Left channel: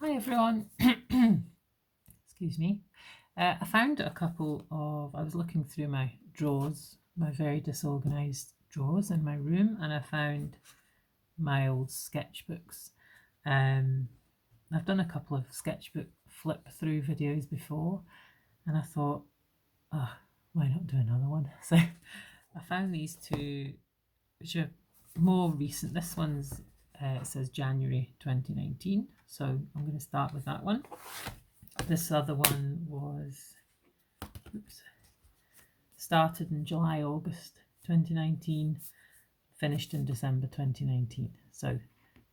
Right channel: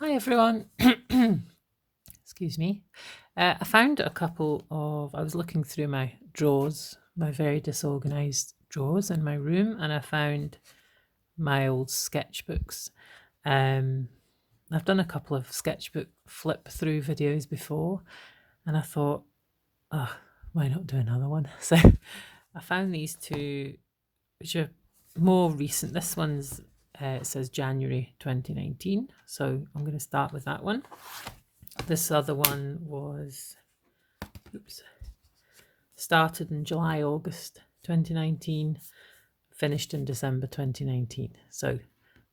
Hi everyone. Excuse me. I found a couple of. I was looking through my drawers, my very disorganized drawers in my room, and I found my old sketchbooks. Um, I've done a couple of sketchbook flip through videos before, and I thought, oh, why not do another one? So I found these two, which are more recent. This one's it says January 2019, so I'm going to start with that one. This other one was started in July, August 2019, finished in December 2019. So we'll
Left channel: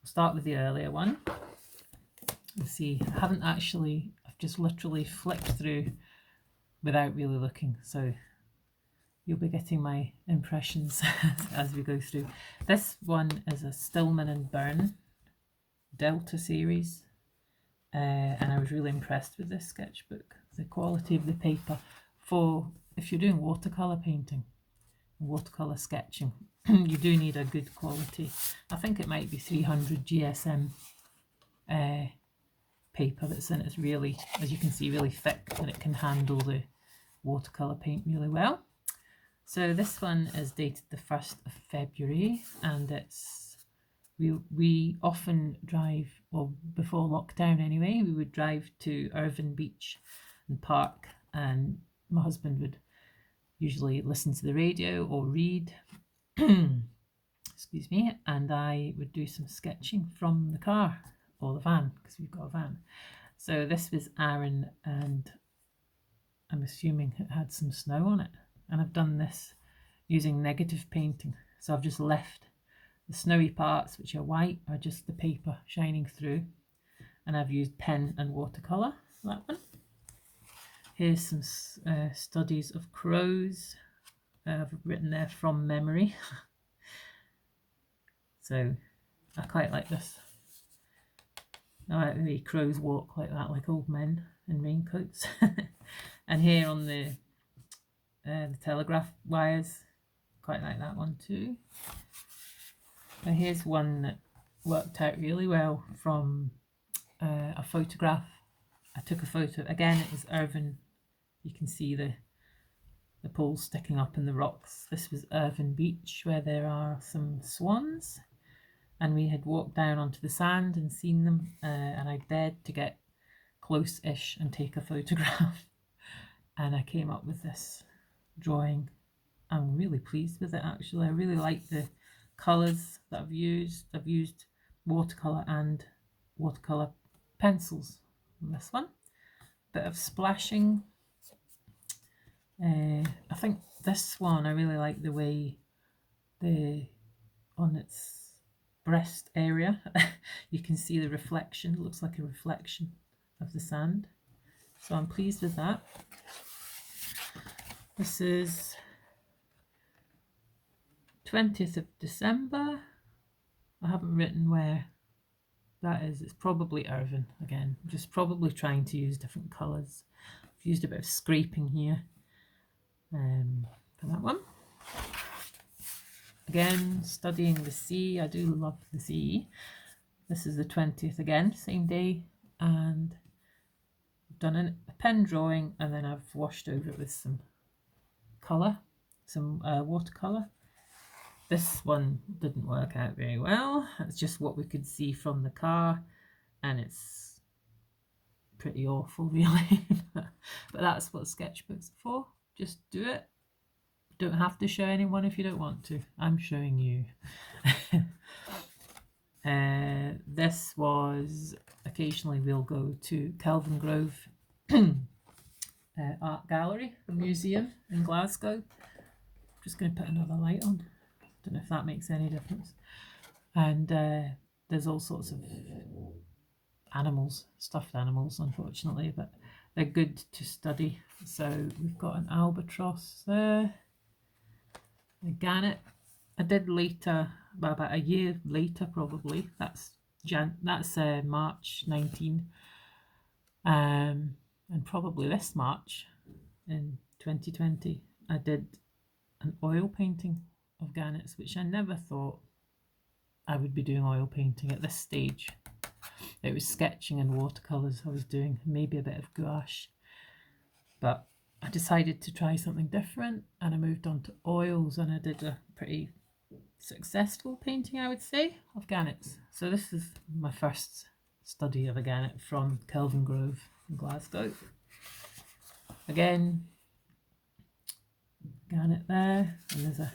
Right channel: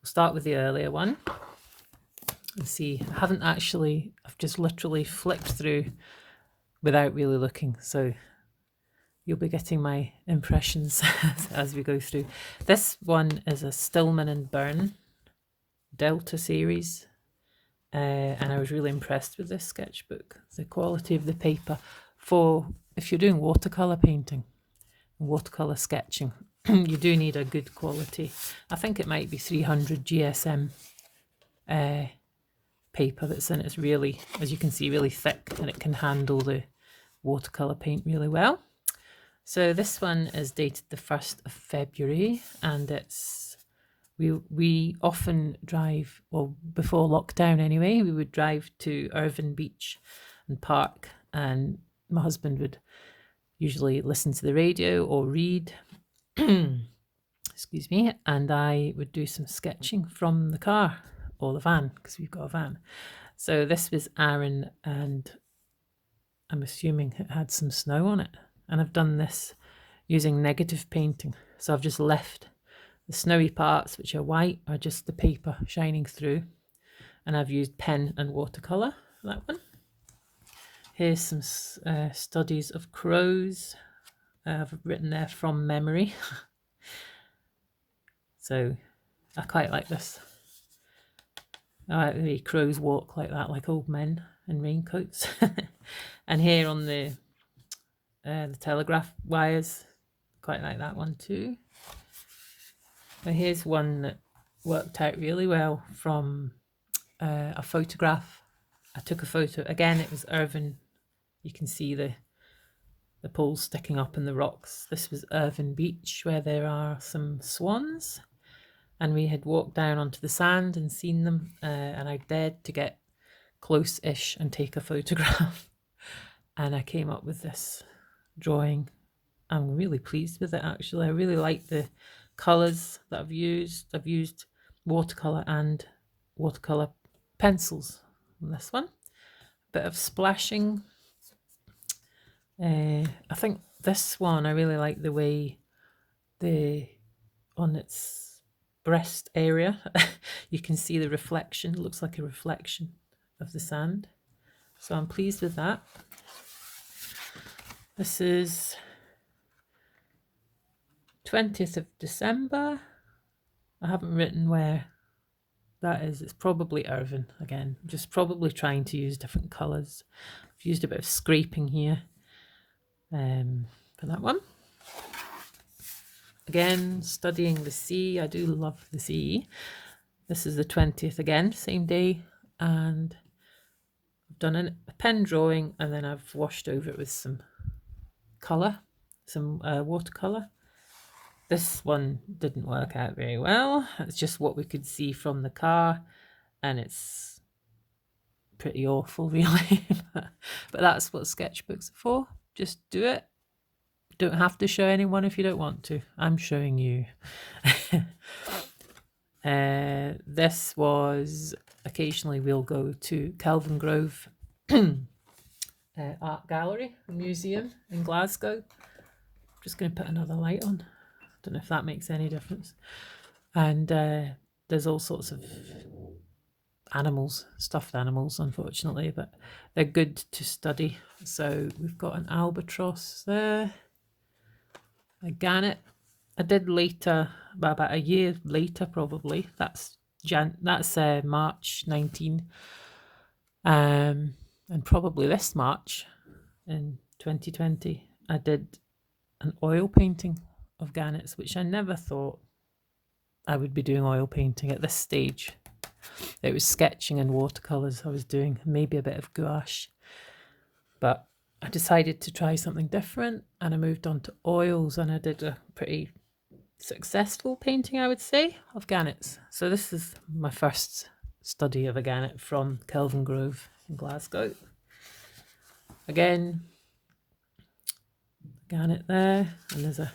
start with the earlier one. Let's see, I've just literally flicked through without really looking. So you'll be getting my impressions as we go through. This one is a Stillman and Byrne Delta series. And I was really impressed with this sketchbook. The quality of the paper for if you're doing watercolor painting, watercolor sketching, you do need a good quality. I think it might be 300 GSM paper that's in it. It's really, as you can see, really thick, and it can handle the watercolor paint really well. So this one is dated the 1st of February, and we often drive, well, before lockdown anyway, we would drive to Irvine Beach and park, and my husband would usually listen to the radio or read, excuse me, and I would do some sketching from the car or the van, because we've got a van. So this was Aaron, and I'm assuming it had some snow on it, and I've done this using negative painting. So I've just left the snowy parts, which are white, are just the paper shining through, and I've used pen and watercolour for that one. Here's some studies of crows. I've written there from memory. So I quite like this. I like the way crows walk like that, like old men in raincoats. And here on the telegraph wires, quite like that one too. Now here's one that worked out really well from a photograph. I took a photo, again it was Irvine, you can see the poles sticking up in the rocks. This was Irvine Beach, where there are some swans, and we had walked down onto the sand and seen them, and I dared to get close-ish and take a photograph, and I came up with this drawing. I'm really pleased with it, actually. I really like the colours that I've used. I've used watercolour and watercolour pencils on this one. Bit of splashing. I think this one, I really like the way on its breast area, you can see the reflection. It looks like a reflection of the sand. So I'm pleased with that. This is 20th of December. I haven't written where that is. It's probably Irvine again. I'm just probably trying to use different colours. I've used a bit of scraping here for that one. Again, studying the sea. I do love the sea. This is the 20th again, same day, and I've done a pen drawing, and then I've washed over it with some colour, some watercolour. This one didn't work out very well. It's just what we could see from the car, and it's pretty awful, really. But that's what sketchbooks are for. Just do it. Don't have to show anyone if you don't want to. I'm showing you. This was, occasionally we'll go to Kelvin Grove Art Gallery, a museum in Glasgow. I'm just going to put another light on. Don't know if that makes any difference. And there's all sorts of animals, stuffed animals, unfortunately, but they're good to study. So we've got an albatross there, a gannet. I did later, about a year later probably. That's March 19, and probably this March in 2020, I did an oil painting of gannets, which I never thought I would be doing oil painting at this stage. it was sketching and watercolours I was doing, maybe a bit of gouache. But I decided to try something different, and I moved on to oils, and I did a pretty successful painting, I would say, of gannets. So this is my first study of a gannet from Kelvin Grove in Glasgow. Again, gannet there, and there's a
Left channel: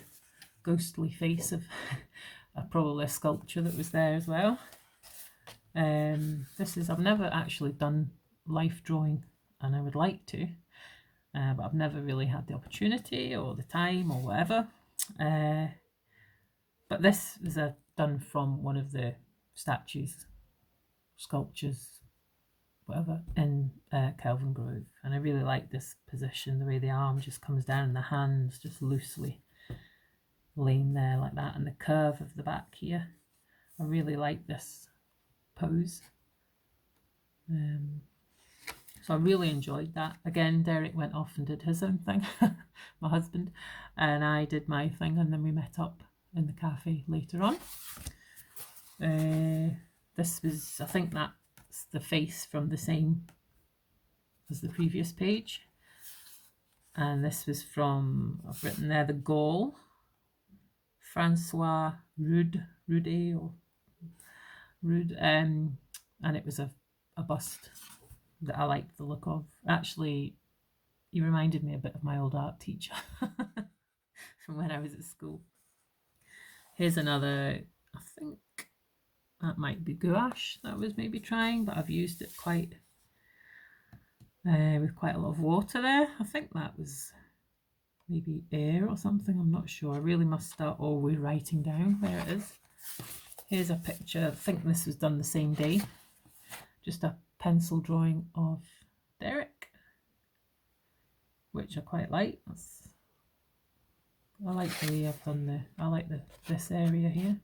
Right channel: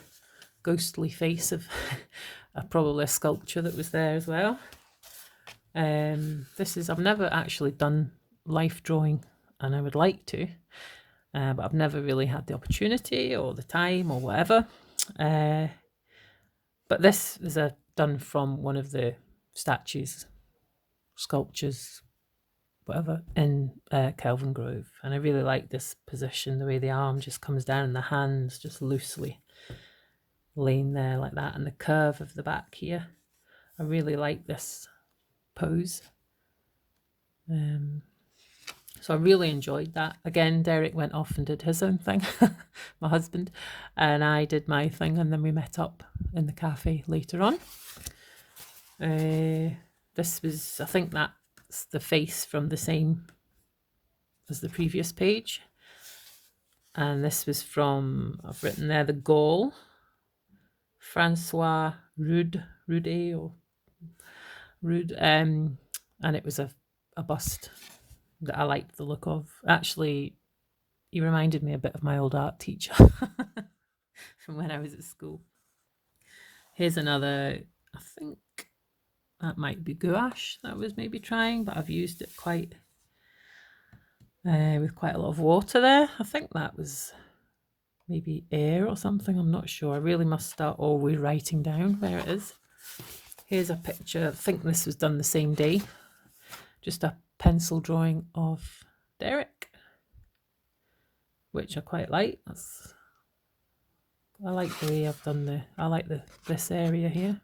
ghostly face of probably a sculpture that was there as well. I've never actually done life drawing, and I would like to, but I've never really had the opportunity or the time or whatever. But this is done from one of the statues, sculptures, whatever, in Kelvin Grove. And I really like this position, the way the arm just comes down and the hands just loosely laying there like that, and the curve of the back here. I really like this pose. So I really enjoyed that. Again, Derek went off and did his own thing, my husband, and I did my thing, and then we met up in the cafe later on. This was, I think that's the face from the same as the previous page. And this was from, I've written there, the Gaul, Francois Rude, and it was a bust that I liked the look of. Actually, he reminded me a bit of my old art teacher from when I was at school. Here's another, I think that might be gouache that I was maybe trying, but I've used it quite with quite a lot of water there. I think that was maybe air or something, I'm not sure. I really must start always writing down where it is. Here's a picture, I think this was done the same day, just a pencil drawing of Derek, which I quite like. I like the way I've done this area here.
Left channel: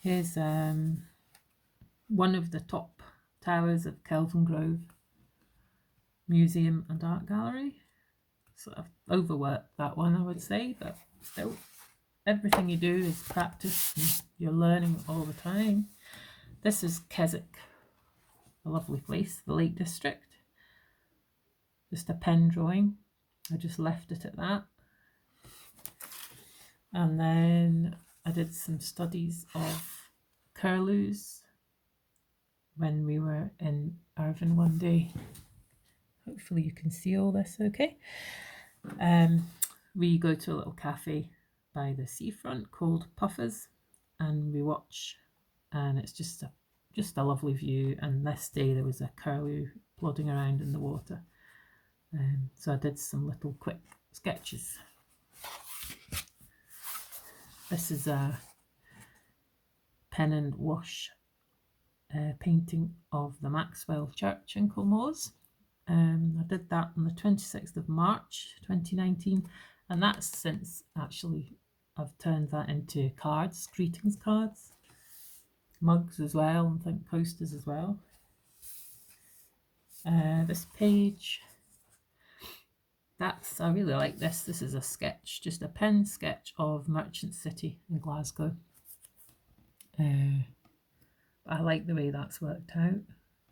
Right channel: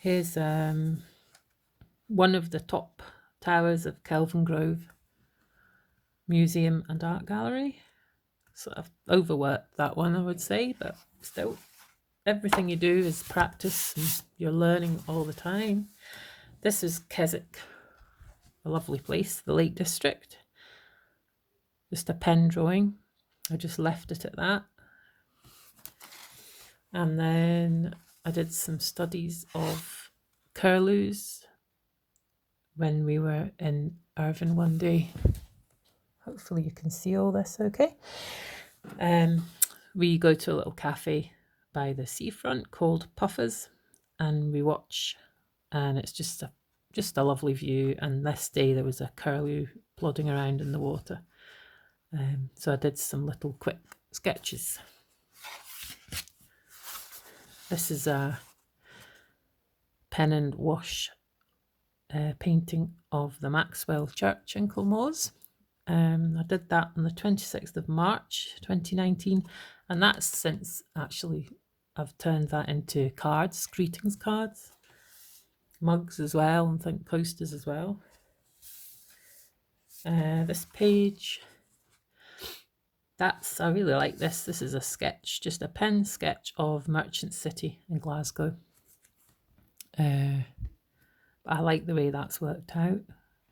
Here's one of the top towers of Kelvin Grove Museum and Art Gallery. So I've overworked that one, I would say, but still, everything you do is practice and you're learning all the time. This is Keswick, a lovely place, the Lake District. Just a pen drawing. I just left it at that. And then I did some studies of curlews when we were in Irvine one day. Hopefully you can see all this okay. We go to a little cafe by the seafront called Puffers, and we watch, and it's just a lovely view. And this day there was a curlew plodding around in the water. So I did some little quick sketches. This is a pen and wash painting of the Maxwell Church in Kilmores. I did that on the 26th of March 2019, and that's since actually I've turned that into cards, greetings cards, mugs as well, and think posters as well. This page, I really like this. This is a sketch, just a pen sketch of Merchant City in Glasgow. I like the way that's worked out.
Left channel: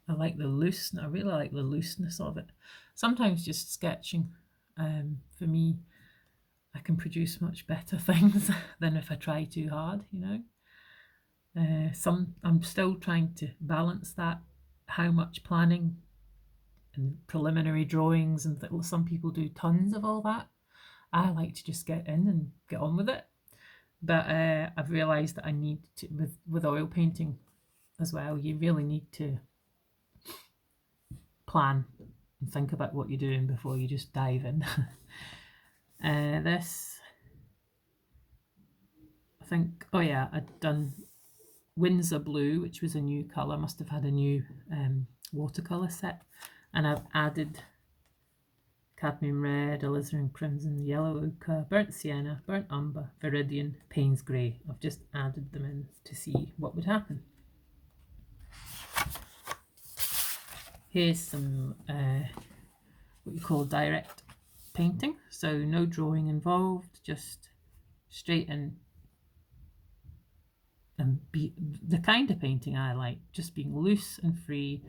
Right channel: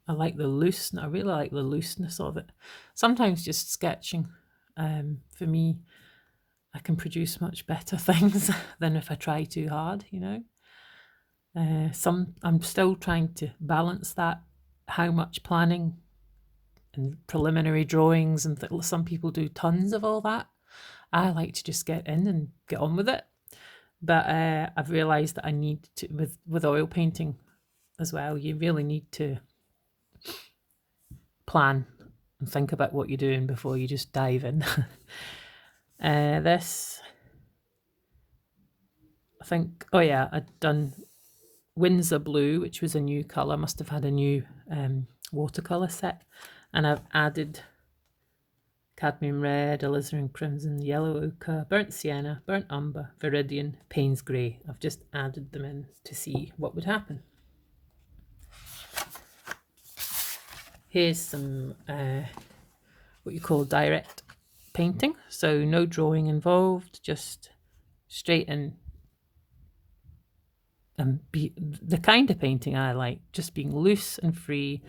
I like the looseness. I really like the looseness of it. Sometimes just sketching, for me, I can produce much better things than if I try too hard, you know. I'm still trying to balance that, how much planning and preliminary drawings, and some people do tons of all that. I like to just get in and get on with it. But I've realised that I need to, with oil painting as well, you really need to plan and think about what you're doing before you just dive in. This, I think, oh yeah, I'd done Windsor Blue, which was a new colour, must have had a new watercolour set, and I've added cadmium red, alizarin crimson, yellow ochre, burnt sienna, burnt umber, viridian, Payne's grey. I've just added them in to see what would happen. Here's some what you call direct painting, so no drawing involved, just straight in be the kind of painting I like, just being loose and free,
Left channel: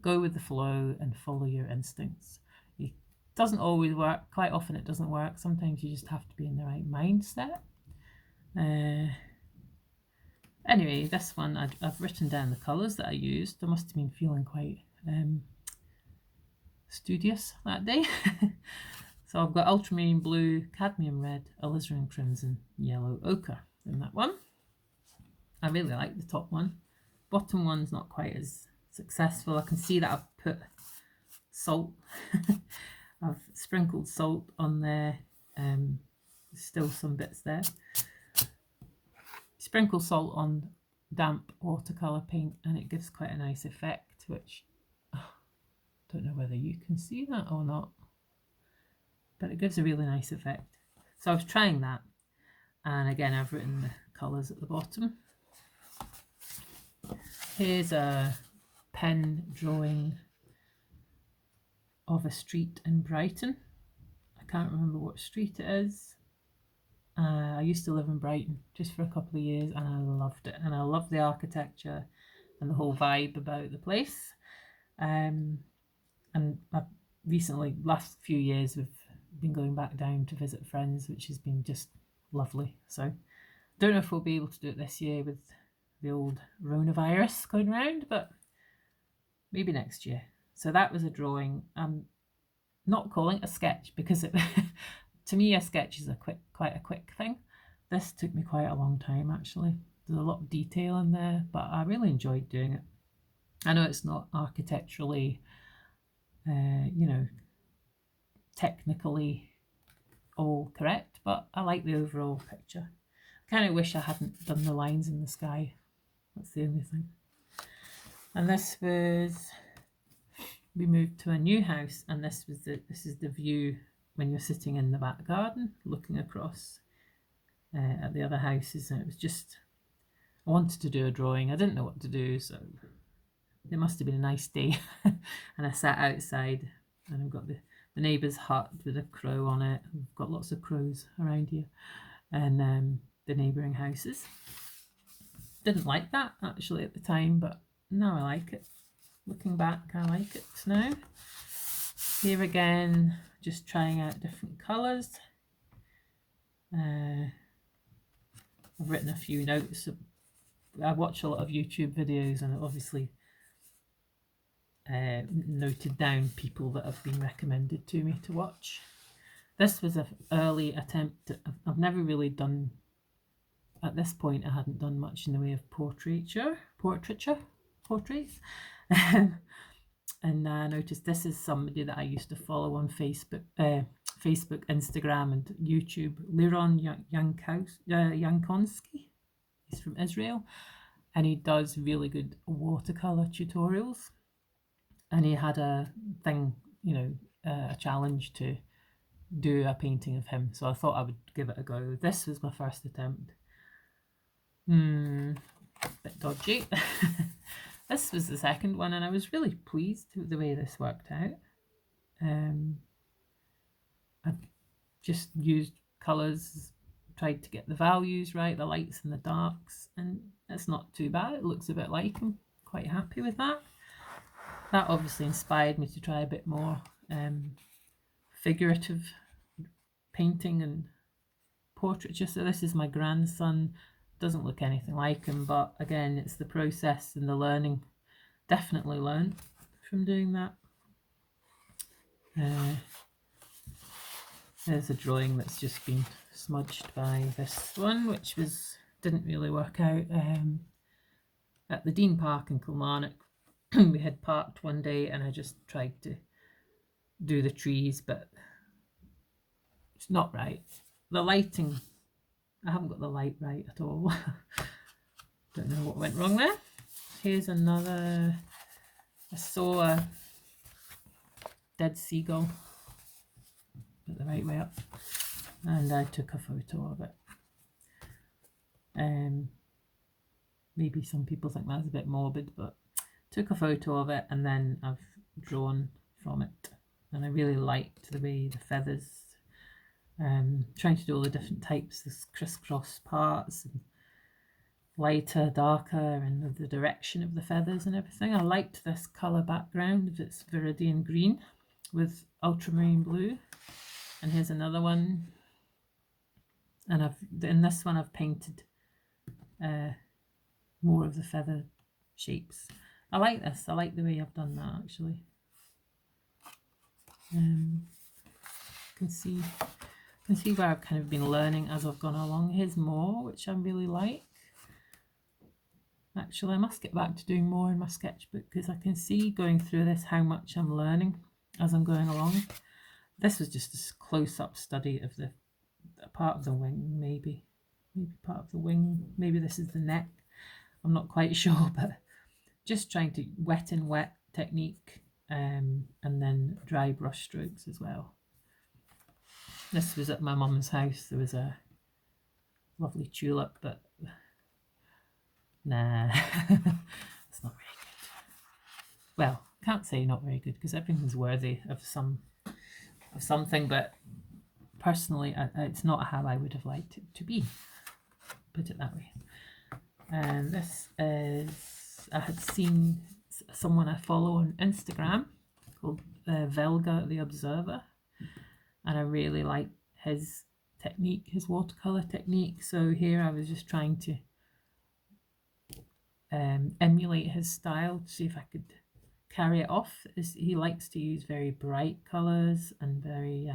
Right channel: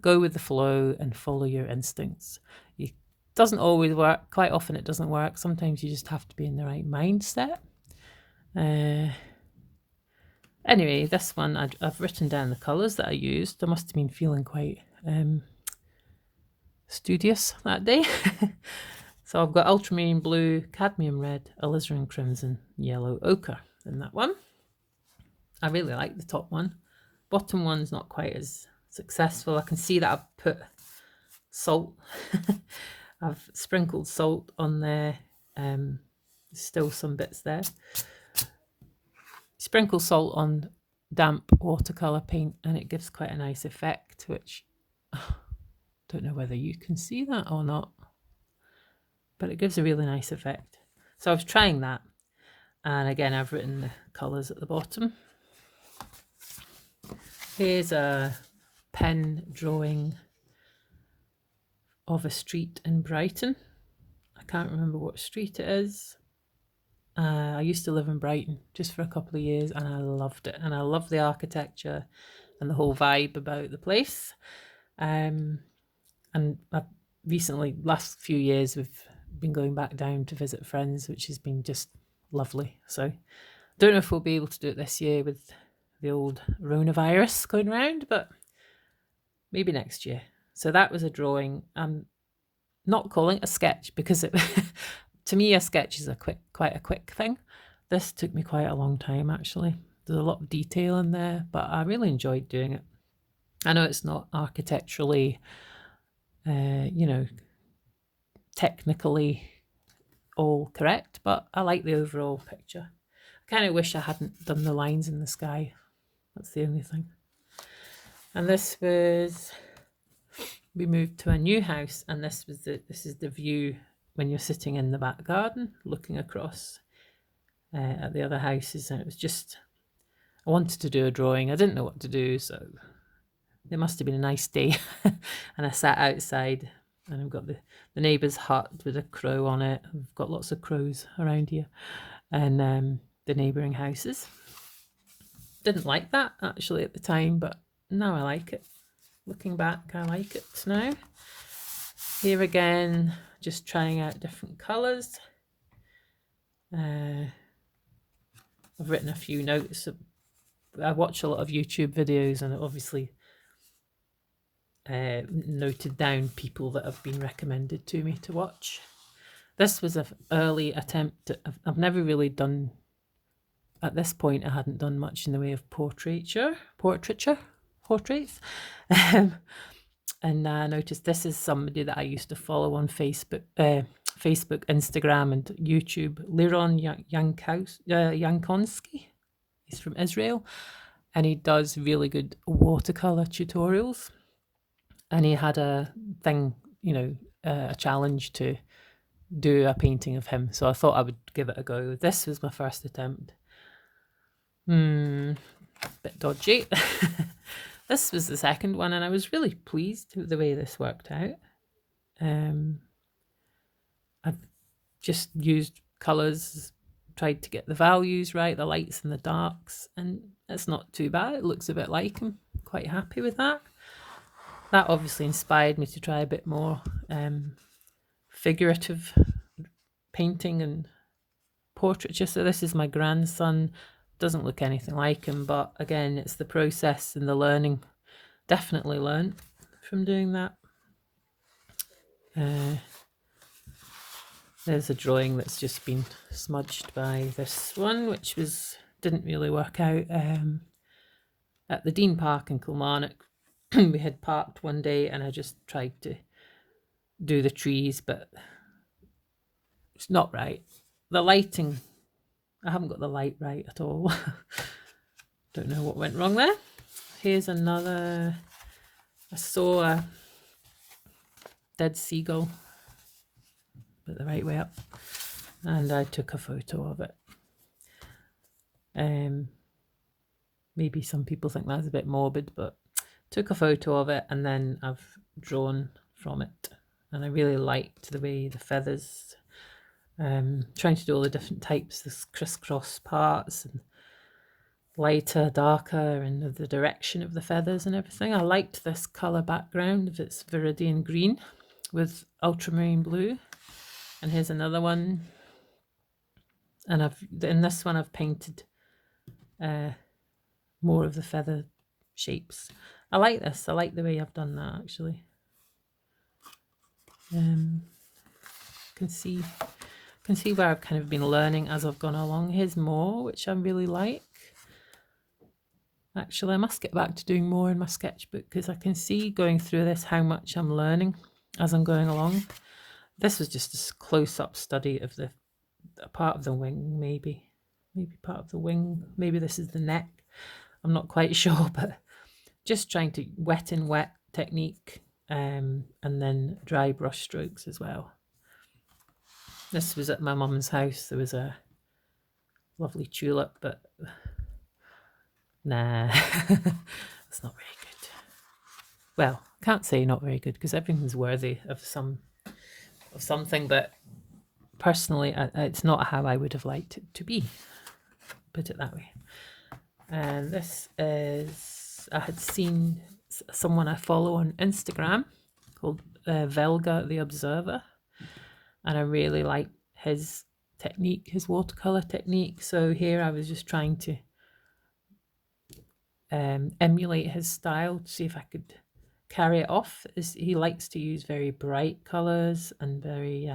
go with the flow and follow your instincts. It doesn't always work. Quite often it doesn't work. Sometimes you just have to be in the right mindset. Anyway, this one, I've written down the colours that I used. I must have been feeling quite studious that day. So I've got ultramarine blue, cadmium red, alizarin crimson, yellow ochre in that one. I really like the top one. Bottom one's not quite as successful. I can see that I've put salt. I've sprinkled salt on there. There's still some bits there. Sprinkle salt on damp watercolour paint and it gives quite a nice effect, which don't know whether you can see that or not, but it gives a really nice effect. So I was trying that, and again I've written the colours at the bottom. Here's a pen drawing of a street in Brighton. I can't remember what street it is. I used to live in Brighton just for a couple of years and I loved it, and I love the architecture and the whole vibe about the place. And I've recently, last few years, we've been going back down to visit friends, which has been just lovely. So I don't know if we'll be able to do it this year with the old coronavirus going around, but maybe next year. So that was a drawing. I'm not calling it a sketch because it to me a sketch is quite a quick thing. This took me quite a long time actually. There's a lot of detail in there, but I really enjoyed doing it. I know it's not architecturally technically all correct, but I like the overall picture. I kind of wish I hadn't done the lines in the sky. That's the only thing. And this was, we moved to a new house, and this is the view when you're sitting in the back garden looking across at the other houses. And it was just, I wanted to do a drawing. I didn't know what to do, so it must have been a nice day. And I sat outside, and I've got the neighbour's hut with a crow on it. We've got lots of crows around here, and the neighbouring houses. Didn't like that actually at the time, but now I like it. Looking back, I like it now. Here again, just trying out different colours. I've written a few notes. I watch a lot of YouTube videos, and obviously noted down people that have been recommended to me to watch. This was an early attempt. I've never really done, at this point I hadn't done much in the way of portraits. And I noticed this is somebody that I used to follow on Facebook, Instagram and YouTube, Liron Yankonsky. He's from Israel, and he does really good watercolor tutorials. And he had a thing, a challenge to do a painting of him. So I thought I would give it a go. This was my first attempt. Bit dodgy. This was the second one, and I was really pleased with the way this worked out. I've just used colours, tried to get the values right, the lights and the darks, and it's not too bad. It looks a bit like him. Quite happy with that. That obviously inspired me to try a bit more figurative painting and portraiture. So this is my grandson. Doesn't look anything like him, but again, it's the process and the learning. Definitely learned from doing that. There's a drawing that's just been smudged by this one, which didn't really work out. At the Dean Park in Kilmarnock, we had parked one day, and I just tried to do the trees, but it's not right. The lighting, I haven't got the light right at all. Don't know what went wrong there. Here's another. I saw a dead seagull, put the right way up, and I took a photo of it. Maybe some people think that's a bit morbid, but took a photo of it, and then I've drawn from it. And I really liked the way the feathers, trying to do all the different types, this crisscross parts, and lighter, darker, and the direction of the feathers and everything. I liked this colour background of its viridian green with ultramarine blue. And here's another one. And in this one I've painted more of the feather shapes. I like this. I like the way I've done that actually. Can see where I've kind of been learning as I've gone along. Here's more, which I really like. Actually, I must get back to doing more in my sketchbook because I can see going through this how much I'm learning as I'm going along. This was just a close-up study of the part of the wing, maybe part of the wing. Maybe this is the neck. I'm not quite sure, but just trying to wet and wet technique, and then dry brush strokes as well. This was at my mum's house. There was a lovely tulip, but nah, it's not very good. Well, can't say not very good because everything's worthy of something, but personally, it's not how I would have liked it to be. Put it that way. And this is, I had seen someone I follow on Instagram called Velga the Observer, and I really like his technique, his watercolor technique. So here I was just trying to emulate his style to see if I could carry it off. He likes to use very bright colors and very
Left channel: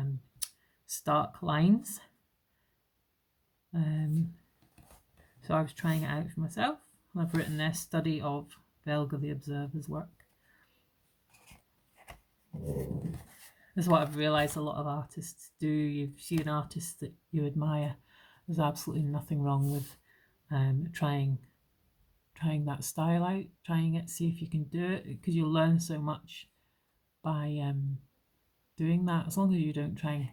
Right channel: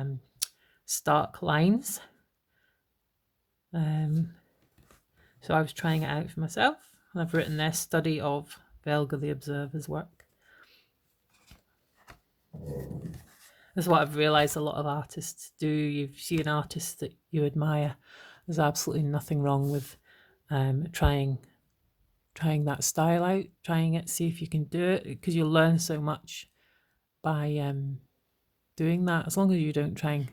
stark lines. So I was trying it out for myself, and I've written their study of Velga the Observer's work. This is what I've realised a lot of artists do. You see an artist that you admire, there's absolutely nothing wrong with trying that style out, trying it, see if you can do it, because you'll learn so much by doing that, as long as you don't try and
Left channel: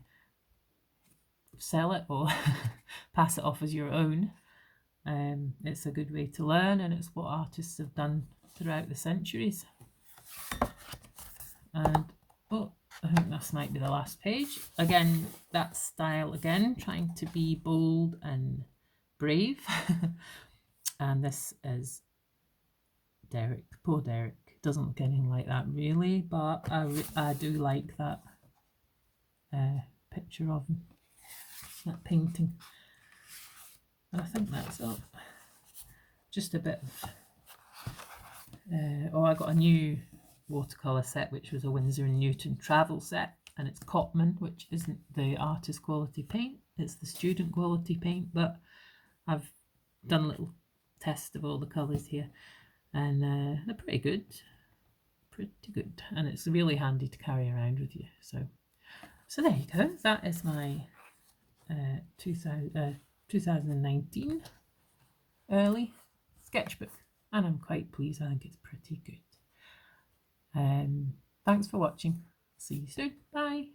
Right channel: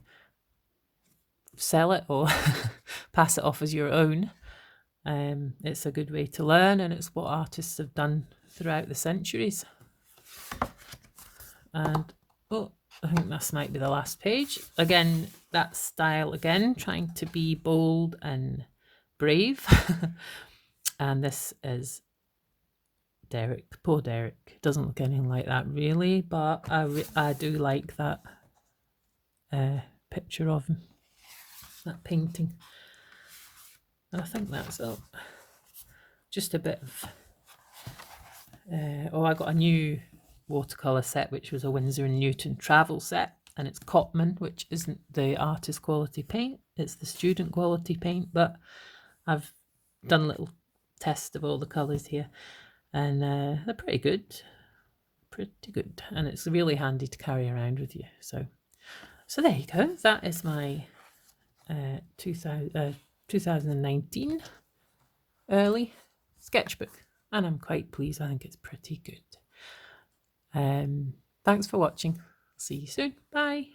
sell it or pass it off as your own. It's a good way to learn, and it's what artists have done throughout the centuries. And I think this might be the last page. Again, that style again, trying to be bold and brave. And this is Derek. Poor Derek. Doesn't look anything like that really, but I do like that picture of him, that painting. And I think that's it. Just a bit of I got a new watercolor set, which was a Winsor & Newton travel set, and it's Cotman, which isn't the artist quality paint, it's the student quality paint, but I've done a little test of all the colors here, and they're pretty good, and it's really handy to carry around with you. So there you go. That is my 2019 early sketchbook, and I'm quite pleased. I think it's pretty good. Thanks for watching. See you soon. Bye.